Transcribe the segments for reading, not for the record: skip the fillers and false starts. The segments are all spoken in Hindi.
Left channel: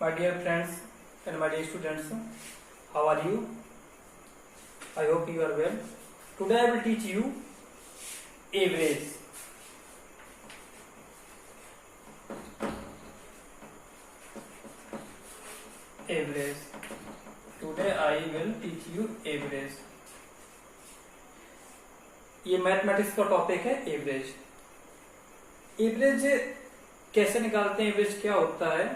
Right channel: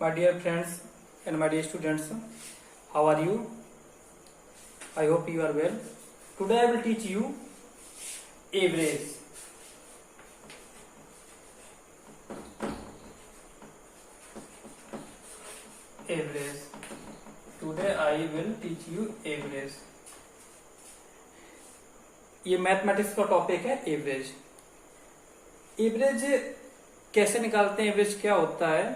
My dear friends and my dear students, how are you? I hope you are well. Today I will teach you average. Average. Today I will teach you average. ये मैथमेटिक्स का टॉपिक है एवरेज. एवरेज कैसे निकालते हैं, एवरेज क्या होता है,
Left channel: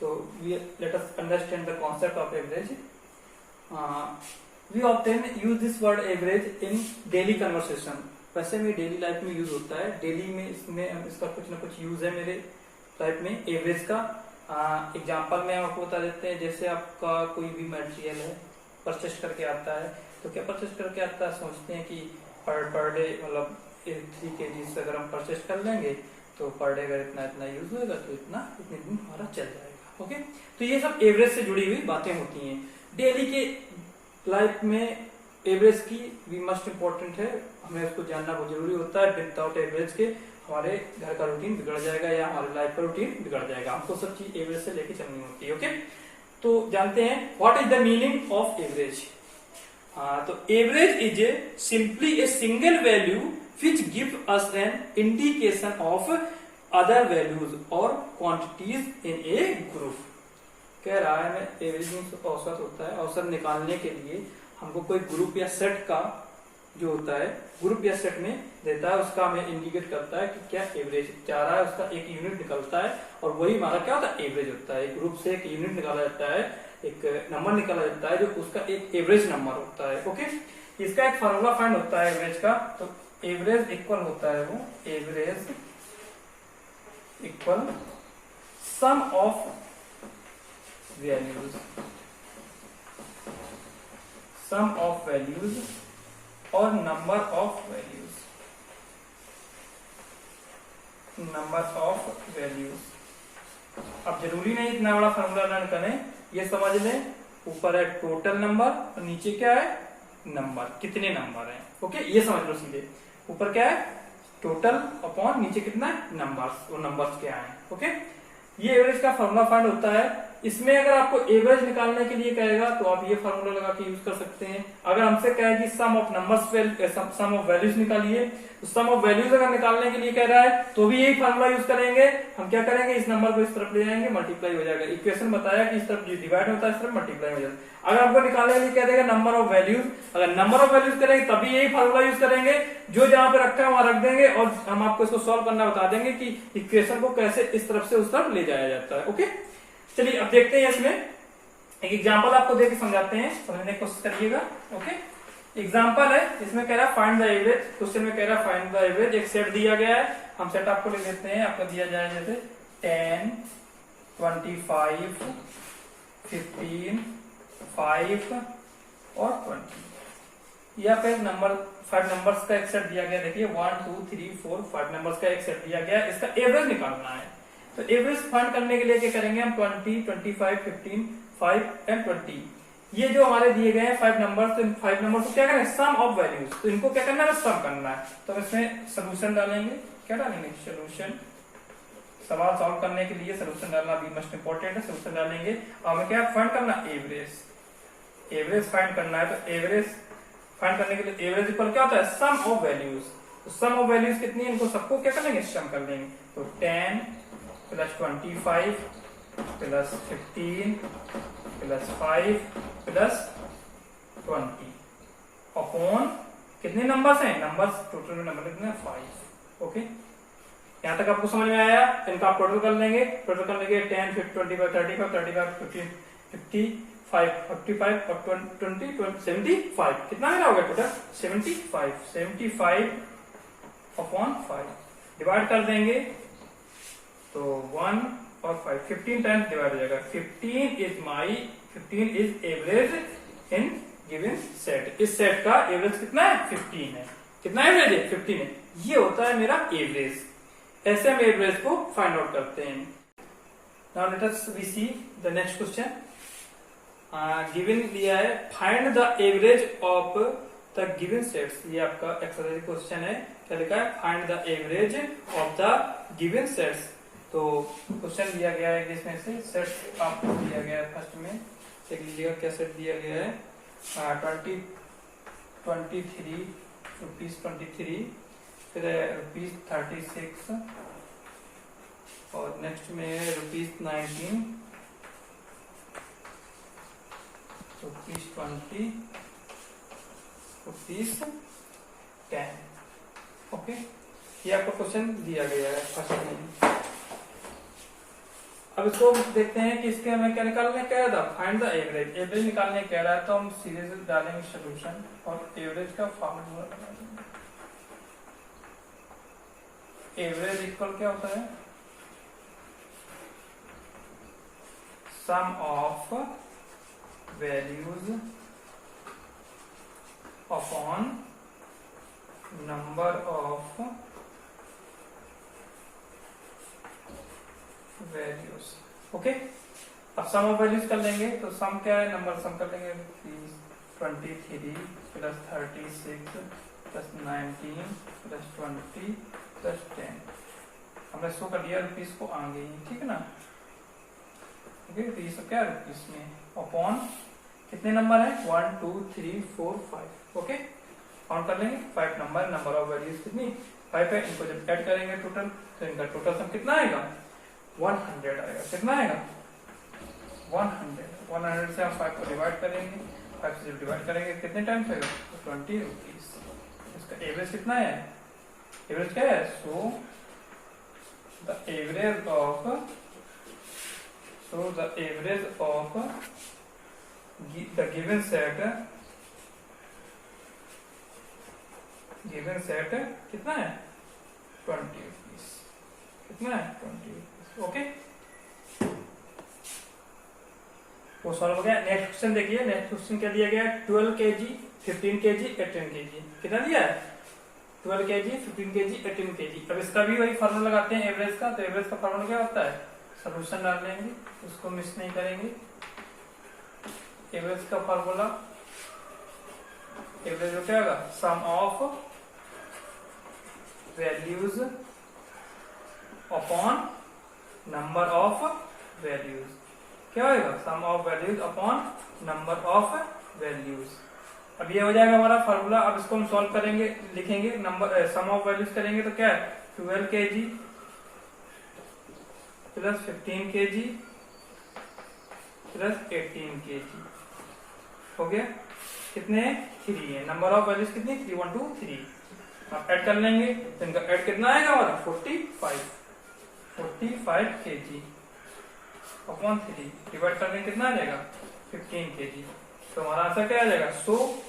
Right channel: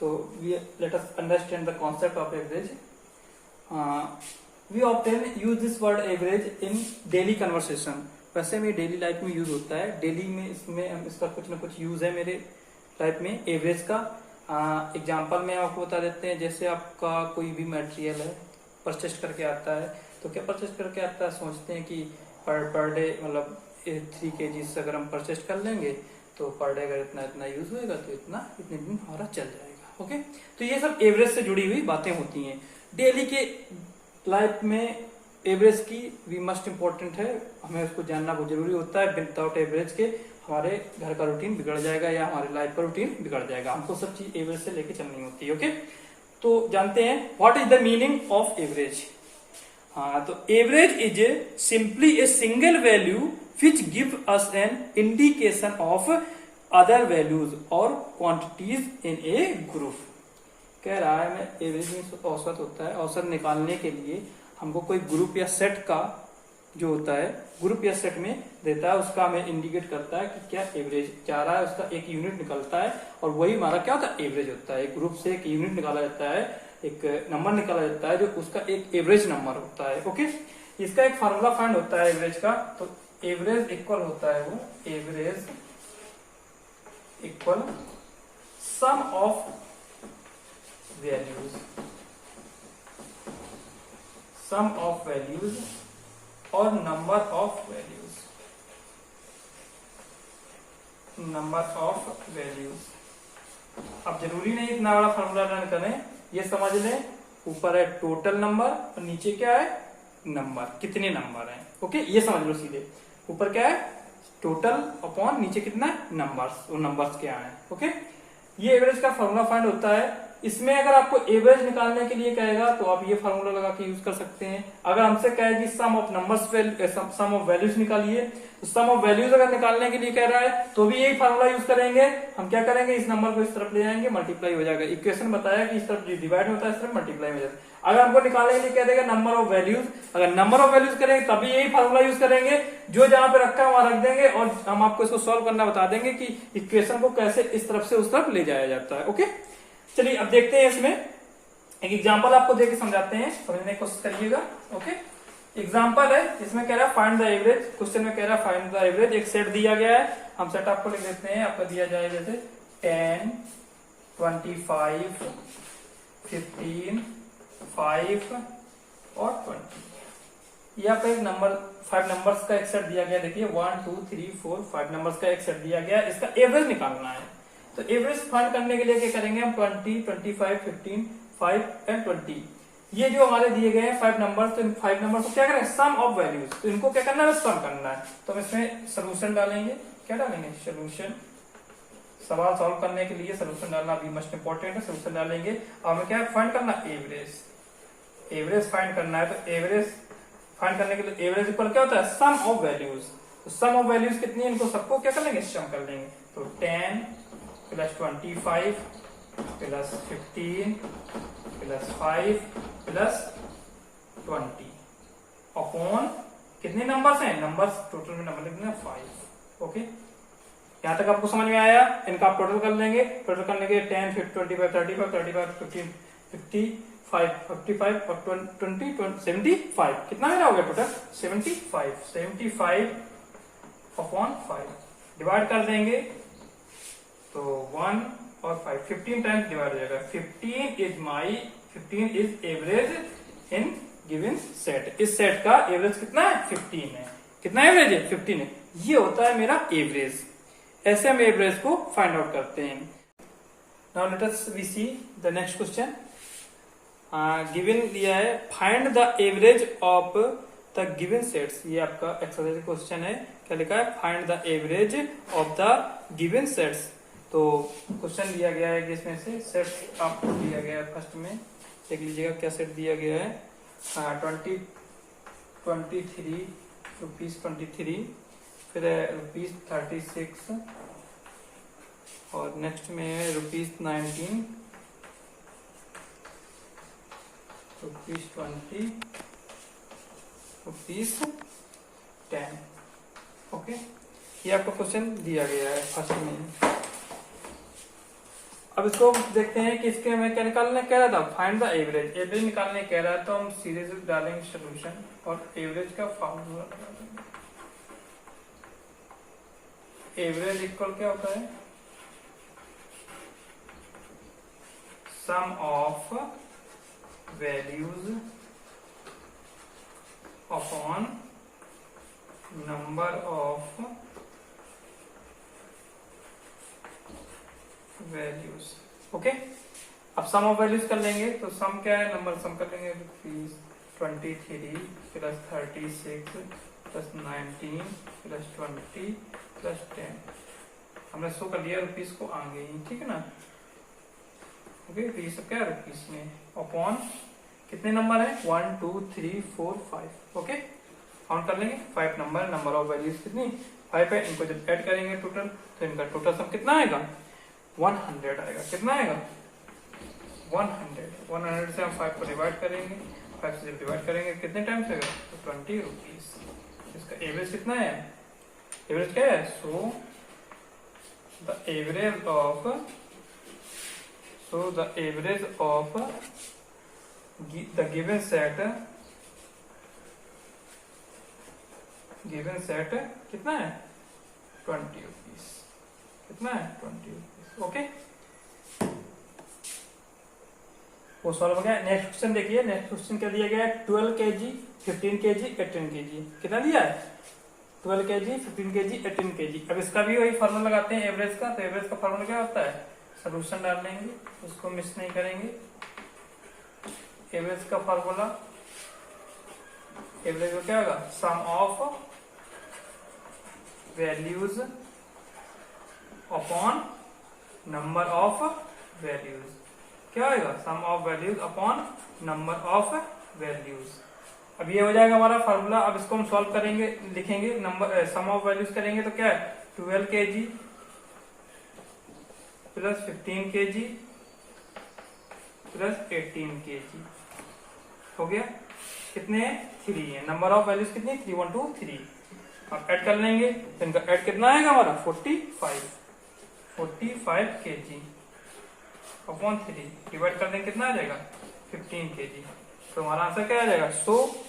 तो let us understand the concept of average. We often use this word average in daily conversation. वैसे में डेली लाइफ में यूज होता है, डेली में इसमें इसका कुछ ना कुछ यूज है मेरे लाइफ में एवरेज का. एग्जाम्पल में आपको बता देते हैं. जैसे आपका कोई भी मटेरियल है, परचेज करके आता है, तो क्या परचेज करके आता है, सोचते हैं कि पर डे मतलब 3 kg से अगर हम परचेज कर लेंगे तो पर डे अगर इतना इतना यूज होगा तो इतने दिन हमारा चल जाएगा. ओके, तो ये सब एवरेज से जुड़ी हुई बातें होती हैं. डेली के लाइफ में एवरेज की भी मस्ट इम्पोर्टेंट है, हमें उसको जानना बहुत जरूरी होता है. विदाउट एवरेज के हमारे घर का रूटीन बिगड़ जाएगा या हमारे लाइफ का रूटीन बिगड़ जाएगा. हमको सब चीज एवरेज से लेके चलनी होती है. ओके, तो जानते हैं what is the meaning of average. तो average is simply a single value which give us an indication of other values और क्वांटिटीज इन ए ग्रुप. कह रहा है मैं एवरेज मीन्स औसत होता है. औसत निकालने के लिए हमको कोई ग्रुप या सेट का जो होता है, ग्रुप या सेट में देता है, उसका हमें इंडिकेट करता है कि क्या एवरेज जा रहा है, उसका एक यूनिट निकलता है और वही हमारा क्या होता है, एवरेज होता है. एक ग्रुप से एक यूनिट निकाला जाता है, एक नंबर निकाला जाता है जो उसका एक एवरेज नंबर होता है. ओके, इसका एक फार्मूला फाइंड होता है एवरेज का. तो एवरेज इक्वल होता है, वो average equal sum of values, sum of values और number of values, number of values. अब जरूरी नहीं इतना बड़ा फार्मूला लर्न करें, ये समझ लें ऊपर है टोटल नंबर और नीचे क्या है, नंबर, कितने नंबर हैं. ओके, ये समझ लो सीधे. ऊपर क्या है, टोटल अपॉन नीचे कितना है, नंबर्स, वो नंबर्स क्या है. ओके, ये एवरेज का फार्मूला फाइंड होता है. इसमें अगर आपको एवरेज निकालने के लिए कहेगा तो आप ये फार्मूला लगा के यूज कर सकते हैं. अगर हमसे कहे कि sum of numbers, sum of values निकालिए, तो सम ऑफ वैल्यूज अगर निकालने के लिए कह रहा है तो भी यही फार्मूला यूज करेंगे. हम क्या करेंगे, इस नंबर को इस तरफ ले जाएंगे, मल्टीप्लाई हो जाएगा. इक्वेशन बताया कि इस तरफ डिवाइड होता है, इस तरफ मल्टीप्लाई हो जाता है. अगर हमको निकालने के लिए कह देगा नंबर ऑफ वैल्यूज, अगर नंबर ऑफ वैल्यूज करेंगे तभी यही फार्मूला यूज करेंगे. जो जहां पे रखा है वहां रख देंगे और हम आपको इसको सॉल्व करना बता देंगे कि इक्वेशन को कैसे इस तरफ से उस तरफ ले जाया जाता है. ओके, चलिए अब देखते हैं. इसमें एक एग्जांपल आपको देके समझाते हैं, समझने की कोशिश करिएगा. ओके, एग्जांपल है, इसमें कह रहा है फाइंड द एवरेज. क्वेश्चन में कह रहा है फाइंड द एवरेज. एक सेट दिया गया है, हम सेट आपको लिख देते हैं. आपको दिया जाए जैसे 10, 25, 15, 5 और 20. या फिर नंबर 5 नंबर्स का एक सेट दिया गया. देखिए 1 2 3 4 5 नंबर्स का एक सेट दिया गया. इसका एवरेज निकालना है. तो एवरेज फाइंड करने के लिए क्या करेंगे हम, 20, 25, 15, 5 एंड 20. ये जो हमारे दिए गए हैं 5 नंबर्स, तो इन 5 नंबर्स को क्या करें, सम ऑफ वैल्यूज. तो इनको क्या करना है, सम करना है. तो इसमें सोल्यूशन डालेंगे. क्या डालेंगे, सोल्यूशन. सवाल सॉल्व करने के लिए सोल्यूशन डालना भी मस्ट इंपॉर्टेंट है. सोल्यूशन डालेंगे और हमें क्या फाइंड करना, एवरेज. एवरेज फाइंड करना है. तो एवरेज फाइंड करने के लिए एवरेज इक्वल क्या होता है, सम ऑफ वैल्यूज. तो सम ऑफ वैल्यूज कितनी है, इनको सबको क्या कर लेंगे, सम कर लेंगे. तो 10 plus 25 plus 15 plus 5 plus 20 upon कितने नंबर्स हैं, नंबर्स टोटल में नंबर लिखना है 5. ओके, यहां तक आपको समझ में आया. इनका आप टोटल कर लेंगे. टोटल करने के 10, 25, 35, 35, 15, 55, 45 और 20, 75. कितना मेरा हो गया टोटल, 75. 75 अपॉन 5 डिवाइड कर देंगे तो 1 और 5, 15 टाइम्स डिवाइड हो जाएगा. 15 is average in given set. इस सेट का एवरेज कितना है, 15 है. कितना एवरेज है, 15 है. ये होता है मेरा एवरेज. ऐसे हम एवरेज को फाइंड आउट करते हैं. Now let us we see the next question. Given दिया है find the average of the given sets. ये आपका एक्सरसाइज क्वेश्चन है. क्या लिखा है, find the average of the given sets. तो क्वेश्चन दिया गया है कि इसमें से सेट आपको दिया गया है। फर्स्ट में देख लीजिएगा क्या सेट दिया गया है। 23 रुपीज 23, फिर ₹36 और नेक्स्ट में ₹19, ₹20, ₹10। ओके, ये आपको क्वेश्चन दिया गया है फर्स्ट में। अब इसको देखते हैं कि इसके हमें क्या निकालने कह रहा था, फाइंड द एवरेज। एवरेज निकालने कह रहा है तो हम सीधे से डालेंगे सोल्यूशन और एवरेज का फॉर्मूला लगा देंगे। एवरेज इक्वल क्या होता है, sum of values upon number of values. Okay, अब सम ऑफ वैल्यूज कर लेंगे तो सम क्या है, नंबर सम कर लेंगे। 23 प्लस 36 प्लस 19 प्लस 20 प्लस 10। हमने शो कर लिया रुपीज को आगे, ठीक है ना। ओके, तो ये सब क्या है रुपीज में, अपॉन कितने नंबर है, 1 2 3 4 5। ओके, काउंट कर लेंगे 5 नंबर ऑफ वैल्यूज कितनी 5 है। इनको जब ऐड करेंगे टोटल तो इनका टोटल सम कितना आएगा, 100 आएगा। कितना आएगा, 100 से हम 5 को डिवाइड करेंगे, 5 से जब डिवाइड करेंगे कितने टाइम्स आएगा, तो 20 रुपीज। इसका एवरेज कितना है, एवरेज क्या है, so the average of the given set कितना है, 20 रुपीज। कितना है, 20 रुपीज। ओके, वो सॉल्व हो गया। नेक्स्ट क्वेश्चन देखिए, नेक्स्ट क्वेश्चन क्या दिया गया है, 12 kg 15 kg 18 kg। कितना दिया है, 12 kg 15 kg 18 kg। अब इसका भी वही फॉर्मूला लगाते हैं एवरेज का। तो एवरेज का फॉर्मूला क्या होता है, सोल्यूशन डाल लेंगे, इसको मिस नहीं करेंगे। एवरेज का फॉर्मूला, एवरेज क्या होगा, sum of values upon number of values. क्या होगा, sum of values upon number of values. अब ये हो जाएगा हमारा फार्मूला। अब इसको हम सॉल्व करेंगे, लिखेंगे नंबर सम ऑफ वैल्यूज करेंगे तो क्या है, 12 kg plus 15 kg plus 18 kg हो गया। कितने, 3 है। नंबर ऑफ वैल्यूज कितनी, 3 1 2 3। आप ऐड कर लेंगे, इनका ऐड कितना आएगा हमारा, 45 kg अपॉन 3 डिवाइड कर देंगे, कितना आ जाएगा, 15 kg। तो हमारा आंसर क्या आ जाएगा, so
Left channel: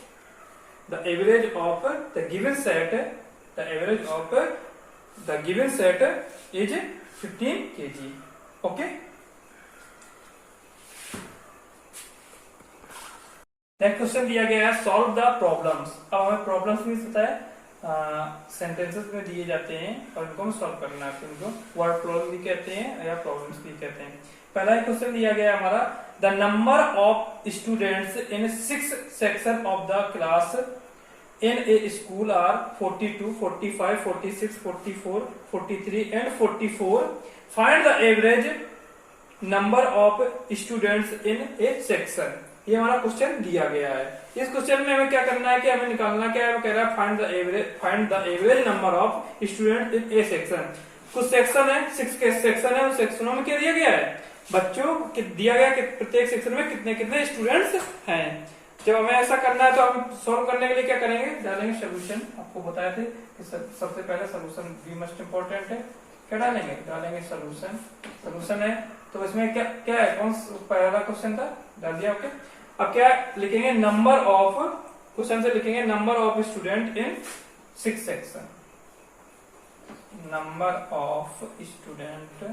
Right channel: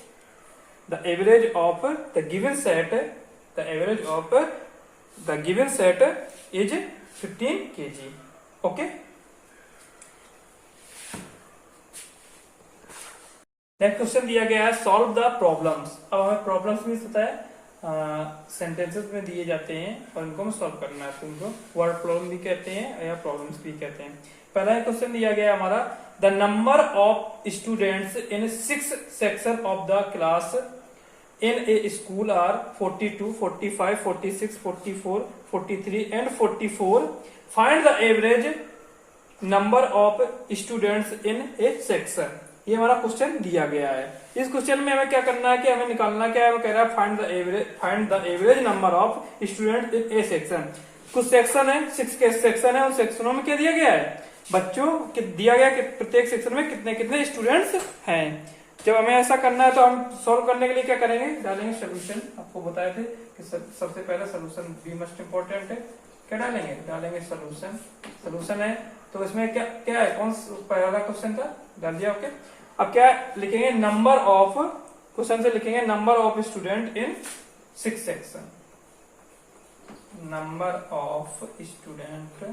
the average of the given set, the average of the given set is 15 kg। Okay, next question दिया गया है, सॉल्व द प्रॉब्लम्स। अब हमें प्रॉब्लम्स भी पता है, सेंटेंसेस में दिए जाते हैं और इनको हमें सॉल्व करना है। इनको वर्ड प्रॉब्लम भी कहते हैं या प्रॉब्लम्स भी कहते हैं। पहला क्वेश्चन दिया गया हमारा, the number of students in 6 section of the class in a school are 42 45 46 44 43 and 44। Find the average number of students in a section. ये हमारा क्वेश्चन दिया गया है। इस क्वेश्चन में हमें क्या करना है कि हमें निकालना क्या है, वो कह रहा है find the average number of student in a section. कुछ सेक्शन है, 6 के सेक्शन है, उन सेक्शनों में क्या दिया गया है, बच्चों दिया गया कि प्रत्येक सेक्शन में कितने कितने स्टूडेंट्स हैं। जब हमें ऐसा करना है तो हम सॉल्व करने के लिए क्या करेंगे, डालेंगे सोल्यूशन। आपको बताए थे कि सबसे पहले सोल्यूशन भी मोस्ट इंपॉर्टेंट है। क्या डालेंगे, डालेंगे सोल्यूशन। सोल्यूशन है तो इसमें क्या क्या है, कौन पहला क्वेश्चन था, डाल दिया। ओके, अब क्या लिखेंगे, नंबर ऑफ, क्वेश्चन से लिखेंगे number of student in 6 section. Number of students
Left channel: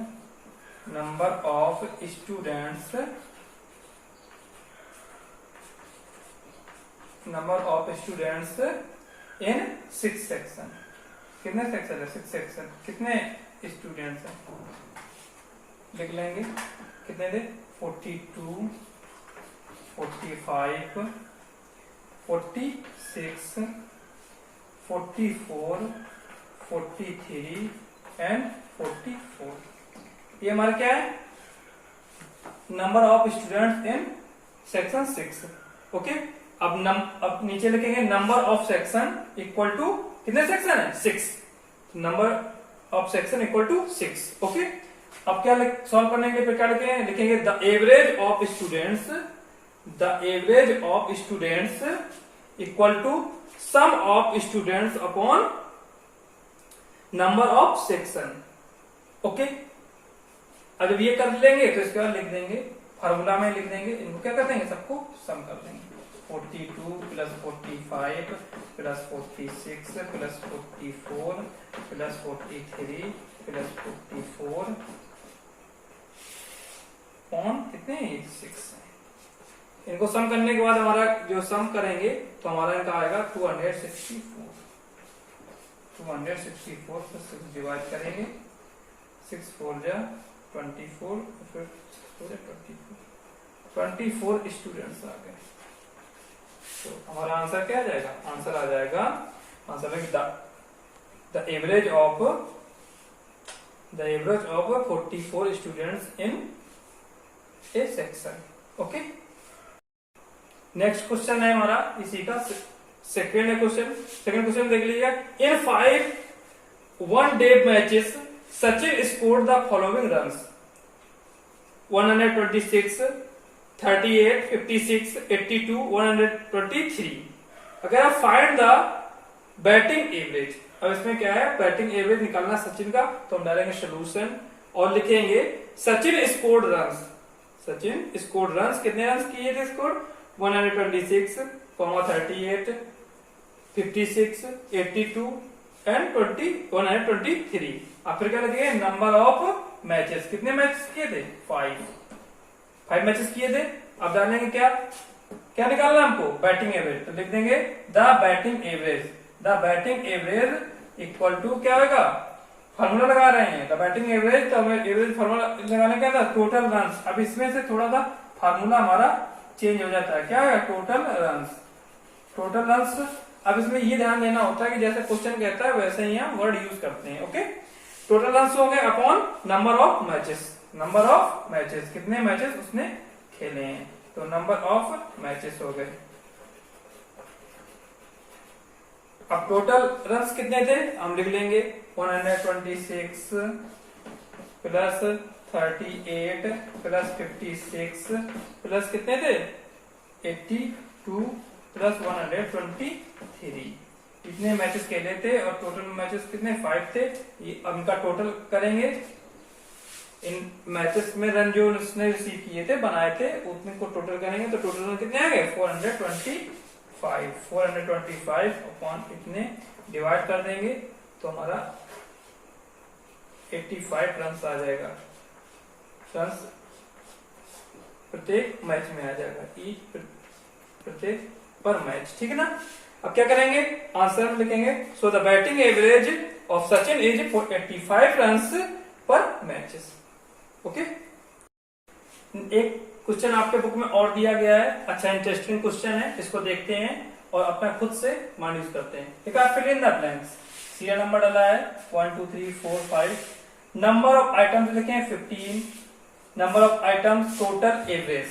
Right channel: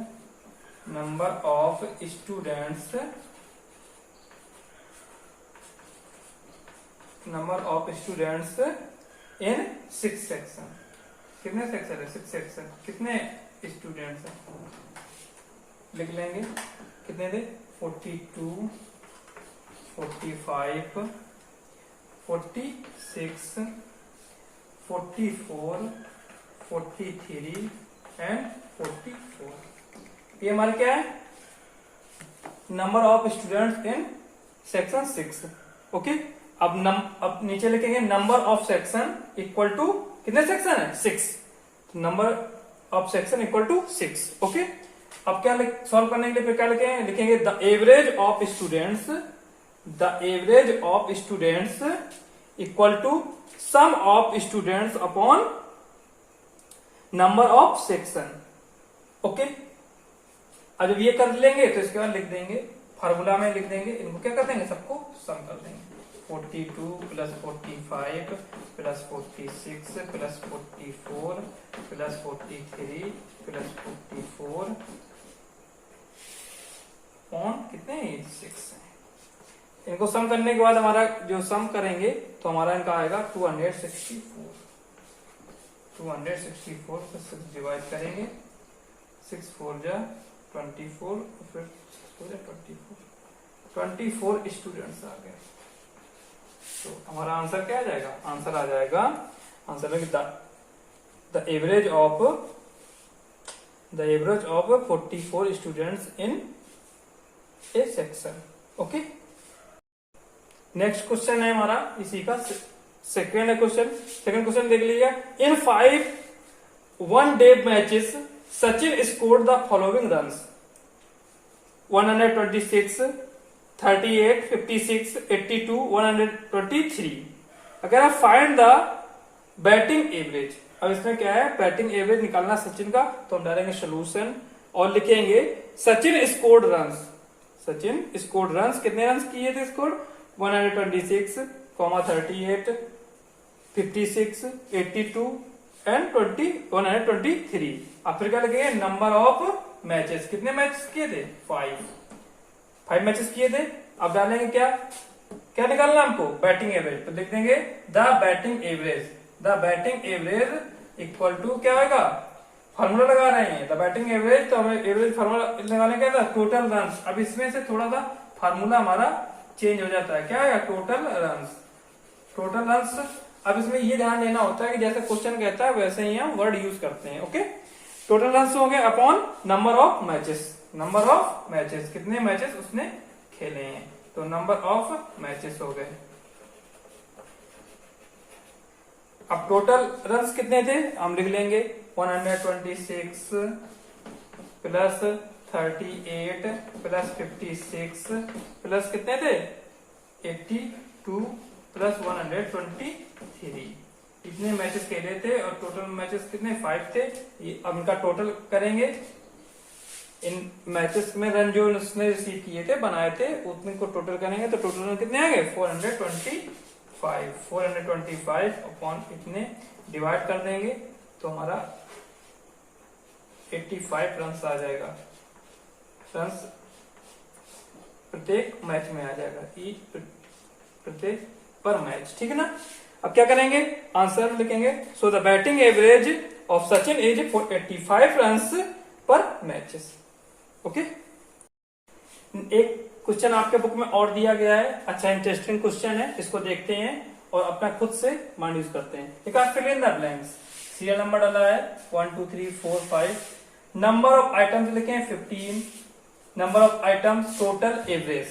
in 6 section. कितने सेक्शन है, 6 सेक्शन। कितने स्टूडेंट्स हैं, लिख लेंगे, कितने थे, 42 45 46 44 43 एंड 44। ये हमारा क्या है, number of students in section 6। Okay, अब नीचे लिखेंगे number of section equal to, कितने सेक्शन है 6, number of section equal to 6। Okay, अब क्या सॉल्व करने के लिए क्या लिखेंगे the average of students, the average of students equal to sum of students upon number of section. Okay, अब ये कर लेंगे तो इसके बाद लिख देंगे फार्मूला में, लिख देंगे इनको क्या कर देंगे, सबको सम कर देंगे। 42 plus 45 plus 46 plus 44 plus 43 plus 44 on कितने 6। इनको सम करने के बाद हमारा जो सम करेंगे तो हमारा इनका आएगा 264। 264 से 6 डिवाइड करेंगे, 6 4 जा 24, फिर 24 स्टूडेंट्स आ गए। तो हमारा आंसर क्या आ जाएगा, आंसर आ जाएगा, answer the average of 44 students in a section. Okay, next question है हमारा इसी का सेकेंड क्वेश्चन देख लीजिए। इन 5 one-day matches Sachin scored the following runs 126, 38, 56, 82, 123। अगर आप फाइंड द बैटिंग एवरेज, अब इसमें क्या है बैटिंग एवरेज निकालना सचिन का, तो हम डालेंगे सोल्यूशन और लिखेंगे Sachin scored runs, Sachin scored runs, कितने रन्स किए थे स्कोर 126, 38, 56, 82 एंड 123। अब फिर क्या लगेगा नंबर ऑफ मैचेस, कितने मैचेस किए थे 5 मैचेस किए थे। अब डालेंगे क्या निकालना हमको बैटिंग एवरेज, तो लिख देंगे the batting average equal to क्या होगा, फार्मूला लगा रहे हैं द बैटिंग एवरेज, तो हमें एवरेज फार्मूला लगाने क्या था टोटल रन्स। अब इसमें से थोड़ा सा फार्मूला हमारा चेंज हो जाता है, क्या है टोटल रन्स। अब इसमें ये ध्यान देना होता है कि जैसे क्वेश्चन कहता है वैसे ही हम वर्ड यूज करते हैं। ओके, टोटल रन्स हो गए अपॉन नंबर ऑफ मैचेस, कितने मैचेस उसने खेले हैं, तो नंबर ऑफ मैचेस हो गए। अब टोटल रन्स कितने थे हम लिख लेंगे 126 प्लस 38 प्लस 56 प्लस कितने थे 82 प्लस 123। इतने मैचेस खेले थे और टोटल मैचेस कितने 5 थे। ये अब इनका टोटल करेंगे, इन मैचेस में रन जो उसने रिसीव किए थे बनाए थे उतने को टोटल करेंगे, तो टोटल रन कितने आएंगे 425 अपॉन इतने डिवाइड कर देंगे तो हमारा 85 रन आ जाएगा, रन प्रत्येक मैच में आ जाएगा, प्रत्येक पर मैच, ठीक है ना। अब क्या करेंगे आंसर लिखेंगे, so the batting average of Sachin is 85 run पर मैचेस। ओके, एक क्वेश्चन आपके बुक में और दिया गया है, अच्छा इंटरेस्टिंग क्वेश्चन है, इसको देखते हैं और अपना खुद से माइंड यूज करते हैं। ठीक है, fill in the blanks, serial number डाला है 1 2 3 4 5, नंबर ऑफ आइटम्स लिखे हैं 15, number of items total average.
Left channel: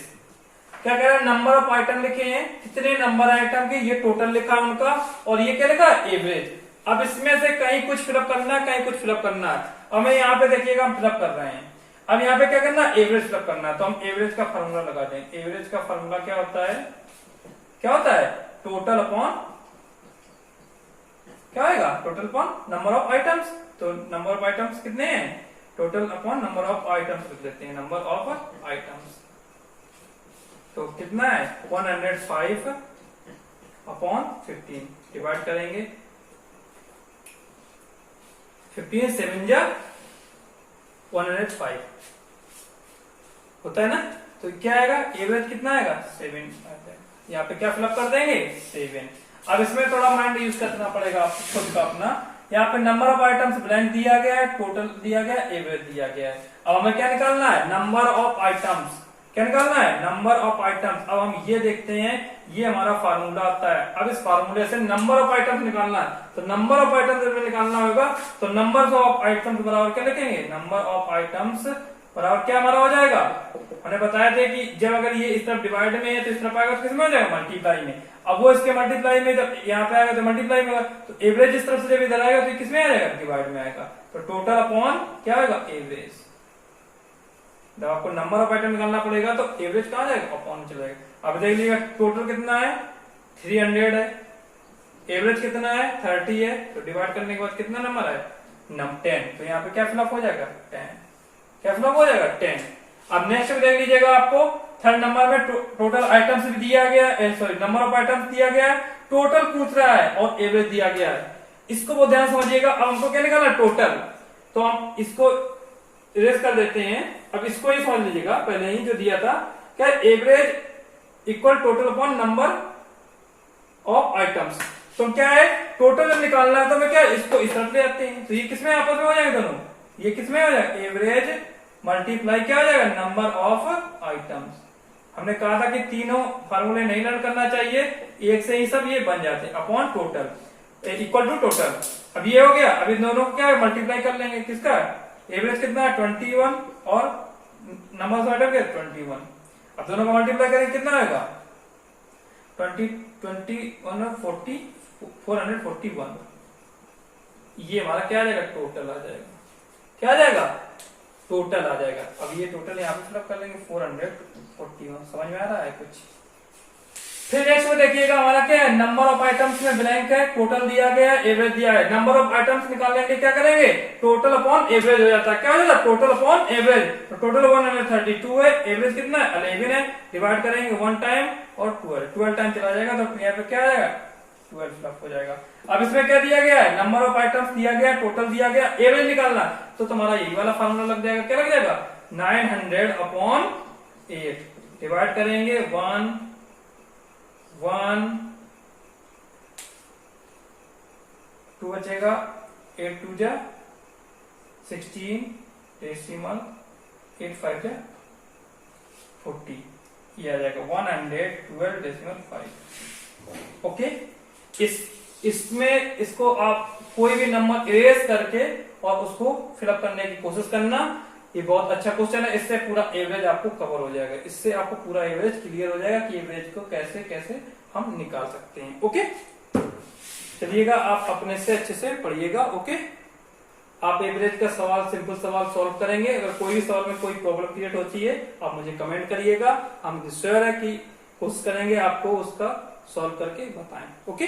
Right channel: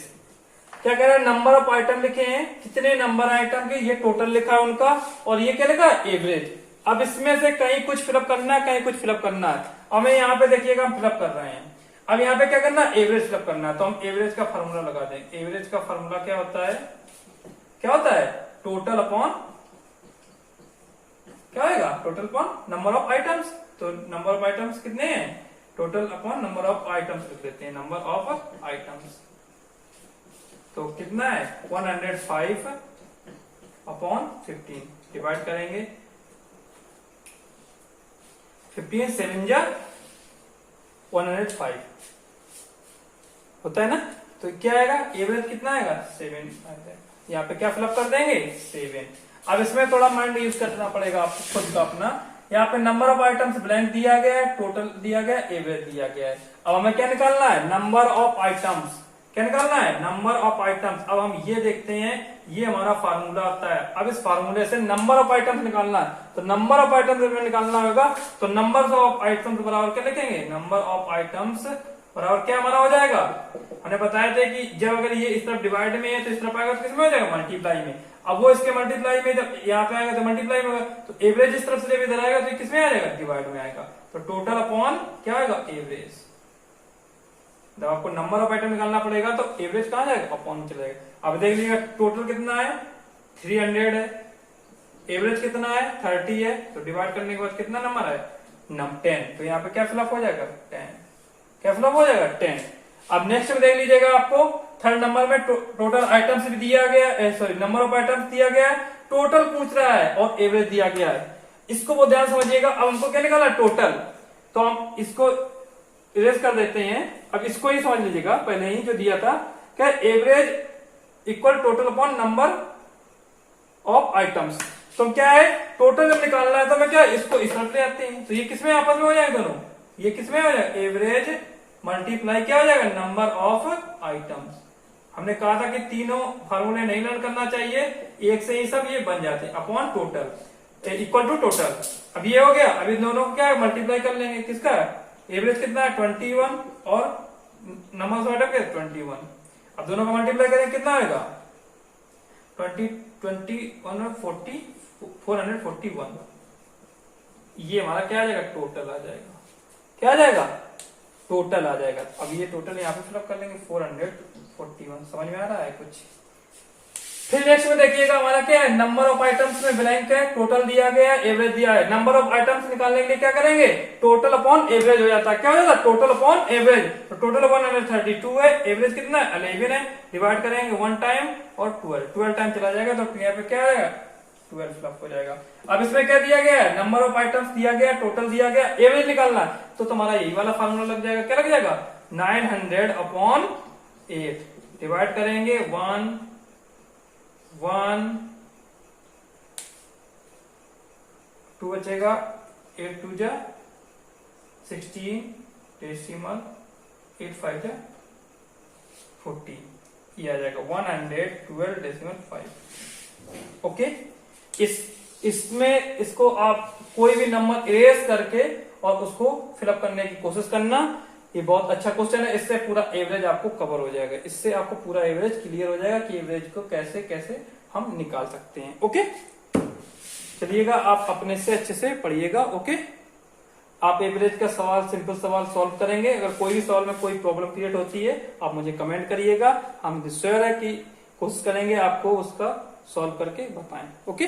क्या कह रहे हैं नंबर ऑफ आइटम लिखे हैं, कितने नंबर आइटम के, ये टोटल लिखा है उनका, और ये क्या लिखा एवरेज। अब इसमें से कहीं कुछ फिलअप करना है, कहीं कुछ फिलअप करना है। हमें यहाँ पे देखिएगा हम फिलअप कर रहे हैं, अब यहाँ पे क्या करना है एवरेज फिलअप करना है, तो हम एवरेज का फॉर्मूला लगा दें। एवरेज का फॉर्मूला क्या होता है टोटल अपॉन क्या होगा total upon number of items. तो नंबर ऑफ आइटम्स कितने हैं, total upon number of items लिख देते हैं, नंबर ऑफ आइटम्स। तो कितना है 105 अपॉन 15 डिवाइड करेंगे, 15 7 जा 105 होता है ना, तो क्या आएगा एवरेज कितना आएगा 7 आता है। यहाँ पे क्या फिलअप कर देंगे 7। अब इसमें थोड़ा माइंड यूज करना पड़ेगा आपको खुद का अपना। यहाँ पे नंबर ऑफ आइटम्स ब्लैंक दिया गया है, टोटल दिया गया है, एवरेज दिया गया है। अब हमें क्या निकालना है नंबर ऑफ आइटम्स, क्या निकालना है नंबर ऑफ आइटम्स। अब हम ये देखते हैं, ये हमारा फार्मूला आता है। अब इस फार्मूले से नंबर ऑफ आइटम्स निकालना है, तो नंबर ऑफ आइटम्स में निकालना होगा, तो नंबर ऑफ आइटम्स बराबर क्या लिखेंगे नंबर ऑफ आइटम्स बराबर क्या हमारा हो जाएगा, हमने बताया था कि जब अगर ये इस तरफ डिवाइड में है तो इस तरफ आएगा तो किसमें हो जाएगा, मल्टीप्लाई में। अब वो इसके मल्टीप्लाई में जब यहाँ पे आएगा तो मल्टीप्लाई में होगा, तो एवरेज इस तरफ से जब इधर आएगा तो किसमें आ जाएगा, डिवाइड में आएगा। तो टोटल अपॉन क्या आएगा, एवरेज। जब आपको नंबर ऑफ आइटम निकालना पड़ेगा तो एवरेज कहाँ जाएगा, अपॉन चलेगा। अब देख लीजिएगा टोटल कितना है, 300 है, एवरेज कितना है, 30 है, तो डिवाइड करने के बाद कितना नंबर है, 10। तो यहाँ पे क्या फिलअप हो जाएगा, 10। क्या फिलअप हो जाएगा, 10। अब नेक्स्ट में देख लीजिएगा, आपको थर्ड नंबर में टोटल आइटम्स भी दिया गया, सॉरी नंबर ऑफ आइटम्स दिया गया है, टोटल पूछ रहा है और एवरेज दिया गया है। इसको बहुत ध्यान समझिएगा। अब हमको क्या निकालना, टोटल। तो हम इसको इरेज कर देते हैं। अब इसको ही समझ लीजिएगा, पहले ही जो दिया था क्या, average equal total upon number of items. तो क्या है, टोटल जब निकालना है तो मैं क्या, इसको इस तरफ ले आते हैं, तो ये किसमें आपस में हो जाएगा दोनों, ये किसमें हो जाएगा, एवरेज मल्टीप्लाई क्या हो जाएगा, नंबर ऑफ आइटम्स। हमने कहा था कि तीनों फार्मूले नहीं लर्न करना चाहिए, एक से ही सब ये बन जाते हैं, upon total equal to total. अब ये हो गया। अभी दोनों को क्या है, मल्टीप्लाई कर लेंगे, किसका एवरेज कितना है, 21 और नंबर ऑफ आइटम क्या, 21। अब दोनों का मल्टीप्लाई करेंगे कितना आएगा, 441। ये हमारा क्या आ जाएगा, टोटल आ जाएगा। क्या आ जाएगा, टोटल आ जाएगा। अब ये टोटल यहाँ पे फिलअप कर लेंगे, 441। समझ में आ रहा है कुछ। फिर नेक्स्ट में देखिएगा हमारा क्या है, नंबर ऑफ आइटम्स में ब्लैंक है, टोटल दिया गया है, एवरेज दिया है। नंबर ऑफ आइटम्स निकालने के लिए क्या करेंगे, टोटल अपॉन एवरेज हो जाता है। क्या हो जाता है, टोटल अपॉन एवरेज। तो टोटल 132 है, एवरेज कितना है, 11 है। डिवाइड करेंगे 1 टाइम और 12 टाइम चला जाएगा, तो यहाँ पे क्या आएगा, 12 फिलअप हो जाएगा। अब इसमें क्या दिया गया है, नंबर ऑफ आइटम्स दिया गया, टोटल दिया गया, एवरेज निकालना, तो तुम्हारा यही वाला फॉर्मूला लग जाएगा। क्या लग जाएगा, 900 अपॉन 8। डिवाइड करेंगे 1 2 बचेगा, 8 2 जा 16, डेसिमल 8 5 जा 40, ये आ जाएगा 112.5। ओके। इसमें इसको आप कोई भी नंबर इरेज करके और उसको फिलअप करने की कोशिश करना। ये बहुत अच्छा क्वेश्चन है, इससे पूरा एवरेज आपको कवर हो जाएगा। इससे आपको पूरा एवरेज क्लियर हो जाएगा कि एवरेज को कैसे कैसे हम निकाल सकते हैं। ओके, चलिएगा आप अपने से अच्छे से पढ़िएगा। ओके, आप एवरेज का सवाल, सिंपल सवाल सॉल्व करेंगे। अगर कोई भी सवाल में कोई प्रॉब्लम क्रिएट होती है, आप मुझे कमेंट करिएगा। हम श्योर है कि कोशिश करेंगे आपको उसका सॉल्व करके बताएं। ओके।